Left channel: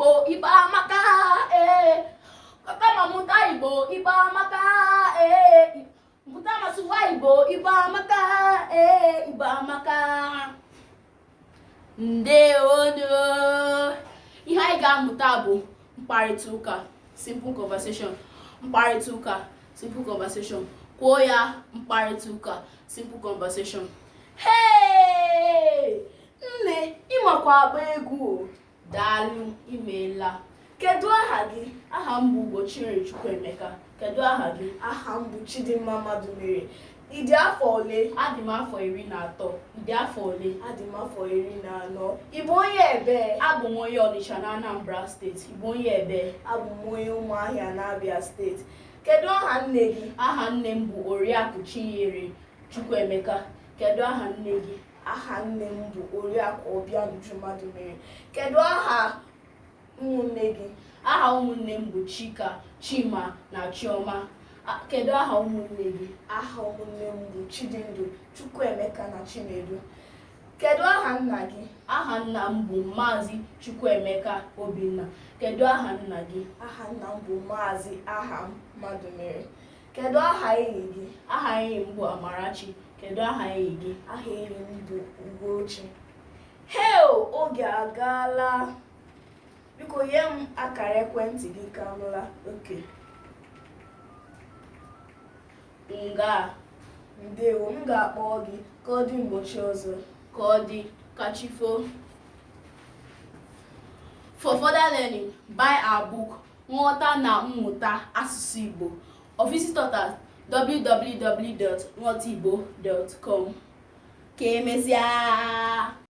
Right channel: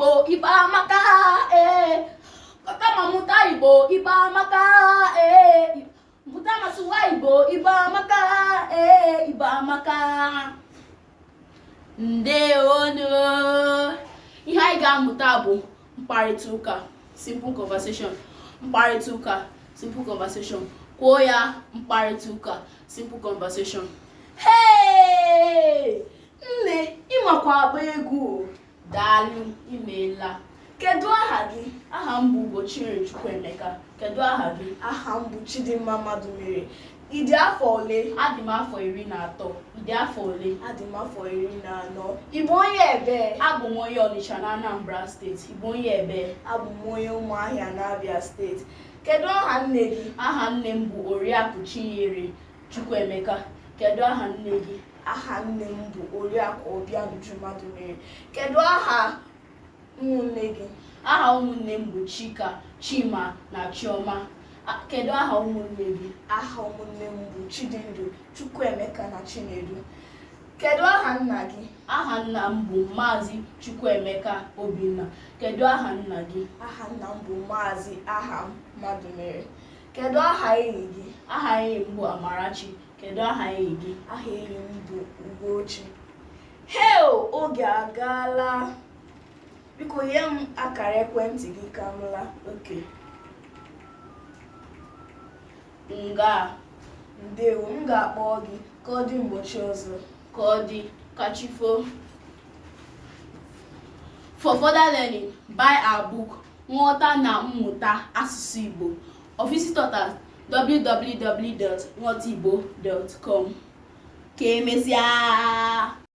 Igbo Igbo amaka kama mụta Igbo Igbo amaka mụta masụwa Igbo Igbo amaka Igbo amaka. Ndewono. Ihe anyị ga-amụta bụ mkparịtaụka, simple conversation. Mkparịtaụka, simple conversation. Kwuo ya, mkparịtaụka, simple conversation. Hey! Nne, ịmakwa agba egwu. Daalụ, imeela. Kedu aha gị? Aha m bụ Ugochiri Chukwuemeka. Kedu aha gị? Aha m bụ Chidimma Madụmere. Ị dị afọ ole? Adị m afọ 13. Ị dị afọ ole? Adị m afọ 14. Ị bụ onye ebe? Abụ m onye Ọnịcha na Anambra steeti. Ị bụ onye ebe? Abụ m onye Ụmụahịa na Abia steeti. Kedu aha nne gị? Aha nne m bụ Oriakụ Chinyere Chukwuemeka. Kedu aha nne gị? Aha nne m bụ Oriakụ Obianuju Madụmere. Kedu aha ụmụnne gị? Aha ụmụnne m bụ Chika, Chima na Chioma. Kedu aha ụmụnne gị? Aha ụmụnne m bụ Chidindu, Chukwuemeka na Chinedu. Kedu aha nna gị? Aha nna m bụ Maazị Chukwuemeka Obinna. Kedu aha nna gị? Aha nna m bụ Maazị Aham Madụmere. Kedu aha enyi gị? Aha enyi m bụ Amarachi. Kedu aha enyi gị? Aha enyi m bụ Ugochi. Heo, oge agaala. Biko nye m akara ekwentị gị ka m laa. Okay. Nga. Ndewo, m ga-akpọ gị ka ọ dị mgbochi ọzọ. Ka ọ dị, kachifo. For further learning, buy our book Nghọta na Mmụta Asụsụ Igbo or visit us at www.nghọtaigbo.com. Ka emesịa.